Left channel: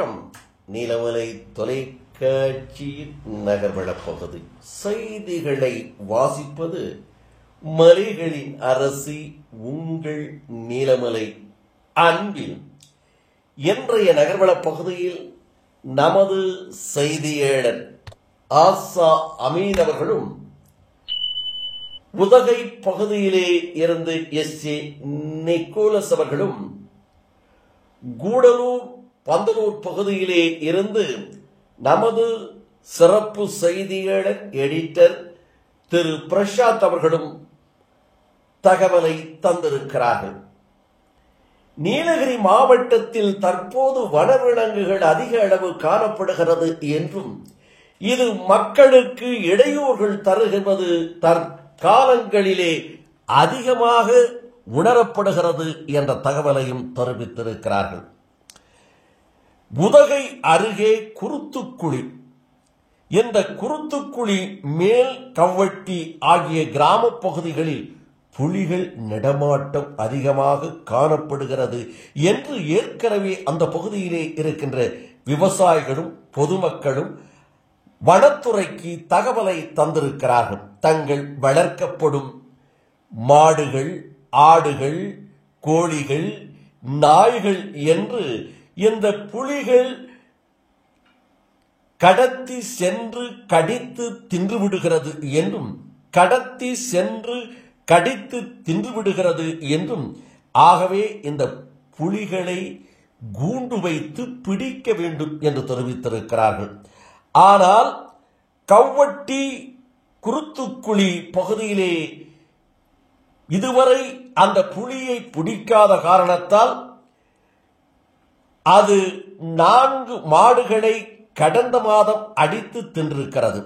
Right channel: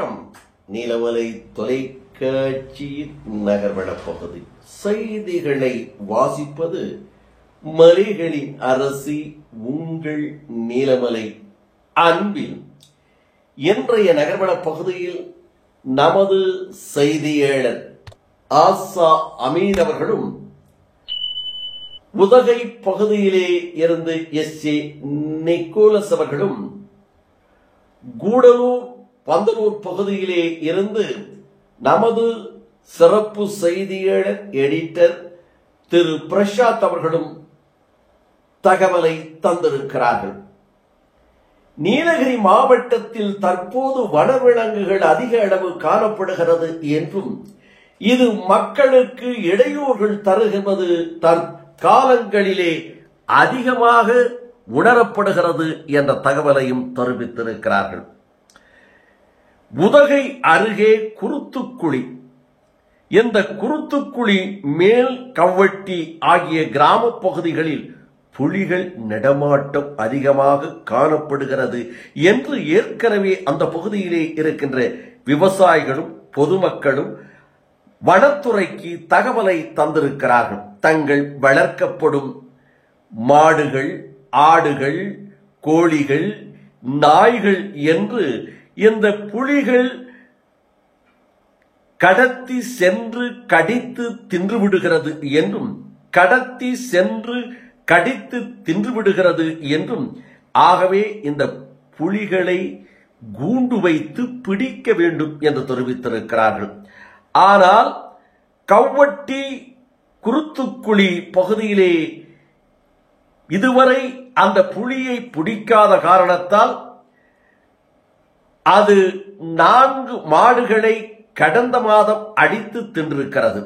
வணக்கம். நீலமலை தொலைக்காட்சியின் நகர்வள பகுதி செய்திகளை வாசிப்பது மலைகளின் அரசி உங்கள் நீலமலை அன்பில். இன்றைய நகர்வள பகுதியில் நமது செய்தியாளர் ஆசா அமீன் அவர்களும் உதகை பகுதியிலே இருந்து எஸ்.ஏ. நிக்கோலஸ் அவர்களும் கூடலூர் பந்தலூர் பகுதியிலே இருந்து நமது சிறப்பு செய்தியாளர் எடிட்டர் திரு பிரசாத் அவர்களும் தகவலை தந்திருக்கிறார்கள். நீலகிரி மாவட்டத்தில் தற்போது வனவிலங்குகள் அதிக அளவு காணப்படுகிறது என்றும் இது மக்களுக்கு இடையூறுகள் தருகிறது தற்காலங்களிலே அதிகமாக உணரப்படுகிறது என்ற தகவலையும் தெரிவித்திருக்கிறார்கள். உதகை அருகே குருத்துக்குழி, இந்த குருத்துக்குழி மேல் கவ்வட்டி ஆகிய கிராம பகுதிகளில் புலிகள் நடமாட்டம் அதிகமாக காணப்படுகிறது என்று ஏற்கனவே அந்த பகுதியிலே இருக்கின்ற விவசாயிகளும் பொதுமக்களும் வனத்துறைக்கு தகவலை தந்திருக்கிறார்கள். தங்கள் வளர்க்கப்படும் மாடுகள், ஆடுகள், கோழிகள், நாய்கள் என்று இந்த புலிகள் கடத்தி சென்று கடித்து தின்றுவிடுகிறது என்றும் ஆகவே இந்த புலிகளை கூண்டு வைத்து பிடிக்க வேண்டும் என்று தெரிவித்திருக்கிறார்கள். ஆனால் கவ்வட்டி குருத்துக்குழி பகுதியிலே இதுவரை அந்த புலியை பிடிக்காத காரணத்தால் அது 4 மாடுகளை கடந்த மாதம் அடித்து தின்றிருக்கிறது.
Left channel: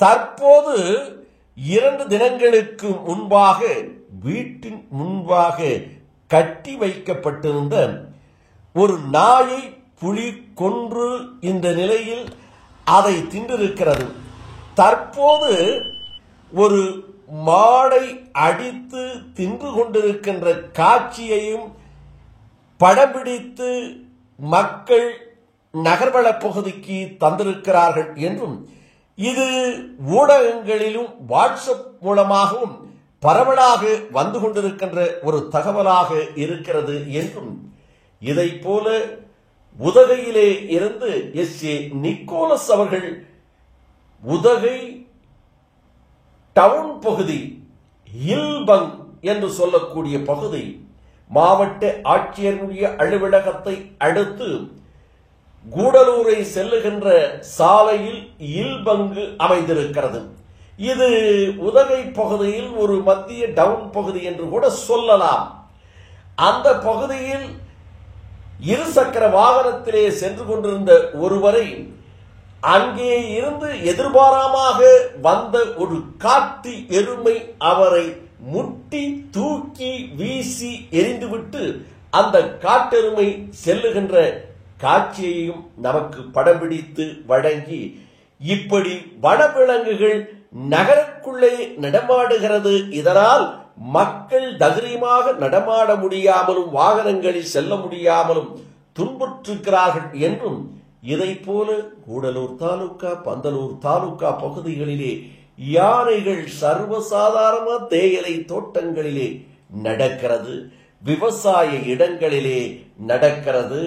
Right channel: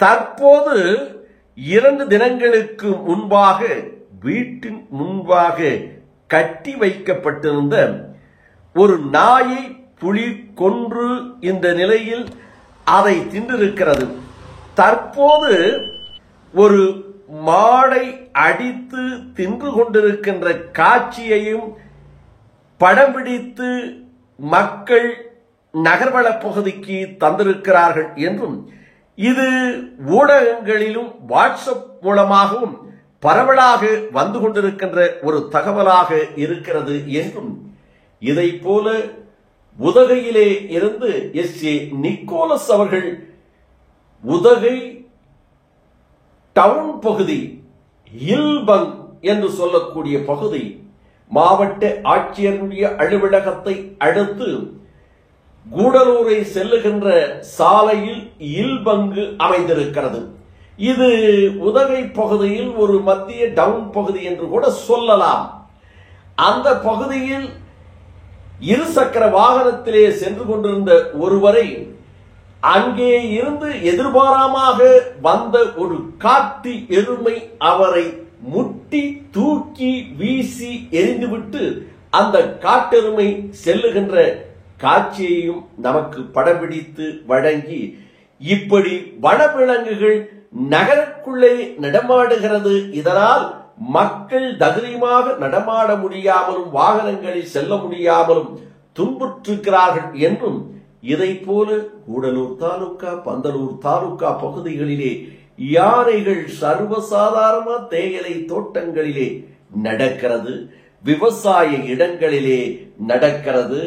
தற்போது 2 தினங்களுக்கு முன்பாக வீட்டின் முன்பாக கட்டி வைக்கப்பட்டிருந்த ஒரு நாயை புலி கொன்று இந்த நிலையில் அதை தின்றிருக்கிறது. தற்போது ஒரு மாடை அடித்து தின்று கொண்டிருக்கின்ற காட்சியையும் படம் பிடித்து மக்கள் நகர்வள பகுதிக்கு தந்திருக்கிறார்கள் என்றும் இது ஊடகங்களிலும் வாட்ஸ்அப் மூலமாகவும் பரவலாக வந்து கொண்டிருக்கின்ற ஒரு தகவலாக இருக்கிறது என்றும் இதை போல உதகையிலே இருந்து எஸ்.ஏ. நிக்கோலஸ் அவர்கள் உதகை டவுன் பகுதி இல்பங் என்று சொல்லக்கூடிய பகுதி மாவட்ட ஆட்சியருடைய அலுவலகத்தை அடுத்து கூடலூரை செல்லுகின்ற சாலையில் இல்பங்கு அமைந்திருக்கிறது. இது உதகை பகுதியில் ஒரு மத்திய டவுன் பகுதி என்று கூட சொல்லலாம். அந்த பகுதியில் இருசக்கர வாகனத்திலே சென்று கொண்டிருந்த ஒருவரை அங்கே இருந்து எதிர்பாராமாக வந்த ஒரு காட்டு எருமை அவரை முட்டி தூக்கி வீசி எரிந்துவிட்டு அந்த காட்டெருமை செல்லுகின்ற காட்சியையும் நமக்கு படம் பிடித்து வழங்கி, இப்படி வனவிலங்குகள் நகருக்குள்ளே நடமாடுகிறது, இதனால் மக்கள் தைரியமாக நடமாட முடியாமலும் வாகனங்களில் செல்ல முடியாமலும் துன்புற்றிருக்கிறார்கள் என்றும் இதை போல கூடலூர் தாலுகா, பந்தலூர் தாலுகா பகுதிகளிலே யானைகள் சர்வசாதாரண தேயிலை தோட்டங்களிலே நடக்கிறது, விவசாய இடங்களிலே நடக்கிறது,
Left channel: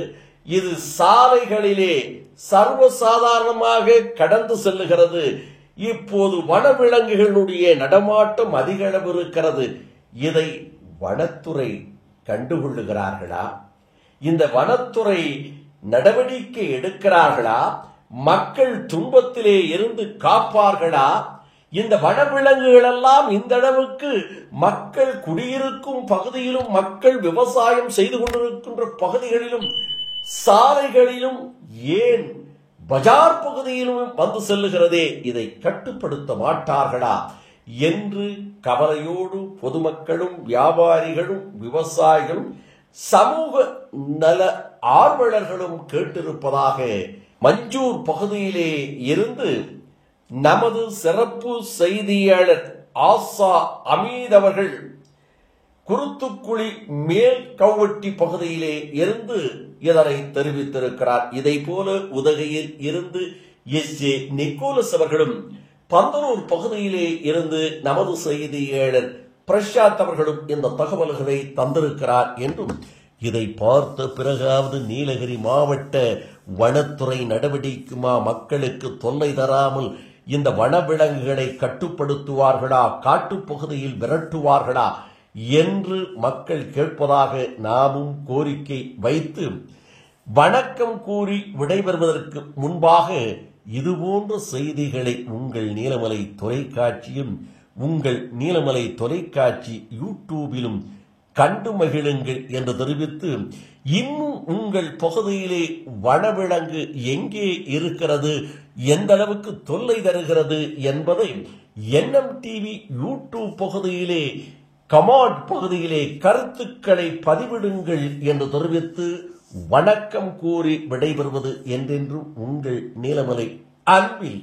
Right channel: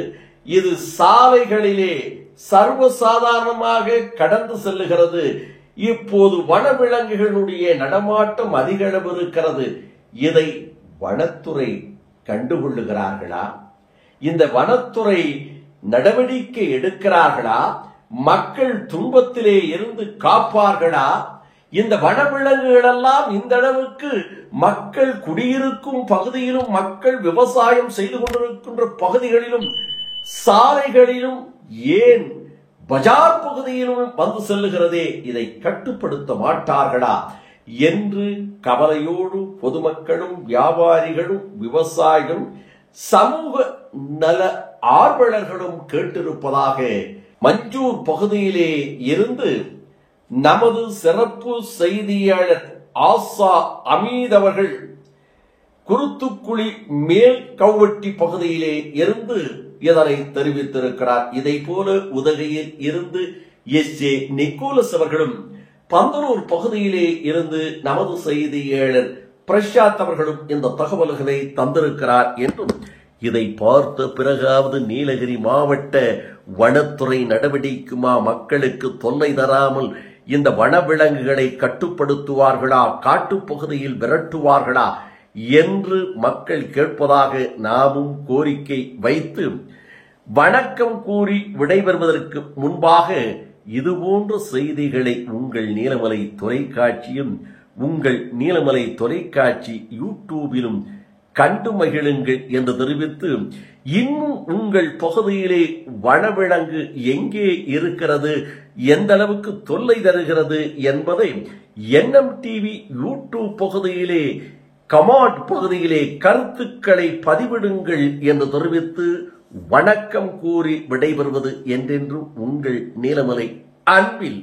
இது சாலைகளிலே சர்வசாதாரணமாக கடந்து செல்லுகிறது. இப்போது வனவிலங்குகளுடைய நடமாட்டம் அதிக அளவு இருக்கிறது. இதை வனத்துறை கண்டுகொள்ளுகிறார்களா? இந்த வனத்துறை நடவடிக்கை எடுக்கிறார்களா? மக்கள் துன்பத்திலே இருந்து காப்பார்களா? இந்த வனவிலங்குகள் எல்லாம் இந்த அளவுக்கு மக்கள் குடியிருக்கும் பகுதியிலும், மக்கள் விவசாயம் செய்து கொண்டிருக்கின்ற பகுதிகளிலும், சாலைகளிலும், ஏன் பஜார் பகுதியிலும் வந்து செல்லுகிறதே, இதை கட்டுப்படுத்த மாட்டார்களா என்று கவலையோடு பொதுமக்களும், வியாபாரிகளும், விவசாயிகளும், சமூக நல ஆர்வலர்களும் கேட்டிருப்பதாக மஞ்சூர் பகுதியிலே இருந்து நமது சிறப்பு செய்தியாளர் ஆசா அமீன் அவர்கள் குருத்துக்குழி மேல் கவுவட்டி பகுதியிலே இருந்து இதனை தெரிவித்திருக்கிறார். இதை போல உதகையில் இருந்து எஸ்.ஜே. நிக்கோலஸ் அவர்களும், பந்தலூர் பகுதியிலே இருந்து நமது செய்தியாளர் பிரசாத் அவர்களும் இந்த தகவல்களை தந்திருக்கிறார் என்றும், இதை பார்த்த பிறகாவது நீலகிரி மாவட்ட வனத்துறை நடவடிக்கைக்குமா மக்களுக்கு தொல்லை தராமல் இந்த வனவிலங்குகளை கட்டுப்படுத்துவார்களா, காட்டுப்பகுதியில் விரட்டுவார்களா என்று மக்கள் கேட்பதாக நாமும் கோரிக்கை வைத்து வணக்கம் கூறி விடைபெறுவதற்கு முன்பாக இதுபோன்ற செய்திகளை உங்கள் நீலமலை தொலைக்காட்சியும் உங்கள் நீலமலை தொலைக்காட்சி யூடியூபிலும் கண்டு மகிழுங்கள் என்று தெரிவித்து, இன்னும் உங்கள் பகுதியிலே வனவிலங்கு எங்கே இருக்கிறது, எந்த அளவுக்கு தொல்லை தருகிறது என்பதை NMTV யூடியூப் பகுதியிலே கமெண்ட் பகுதியிலே கருத்துக்களை பதிவிடுங்கள் என்று தெரிவித்து வணக்கம் கூறி விடைபெறுவது என்றென்றும் உங்கள் நீலமலை அன்பில்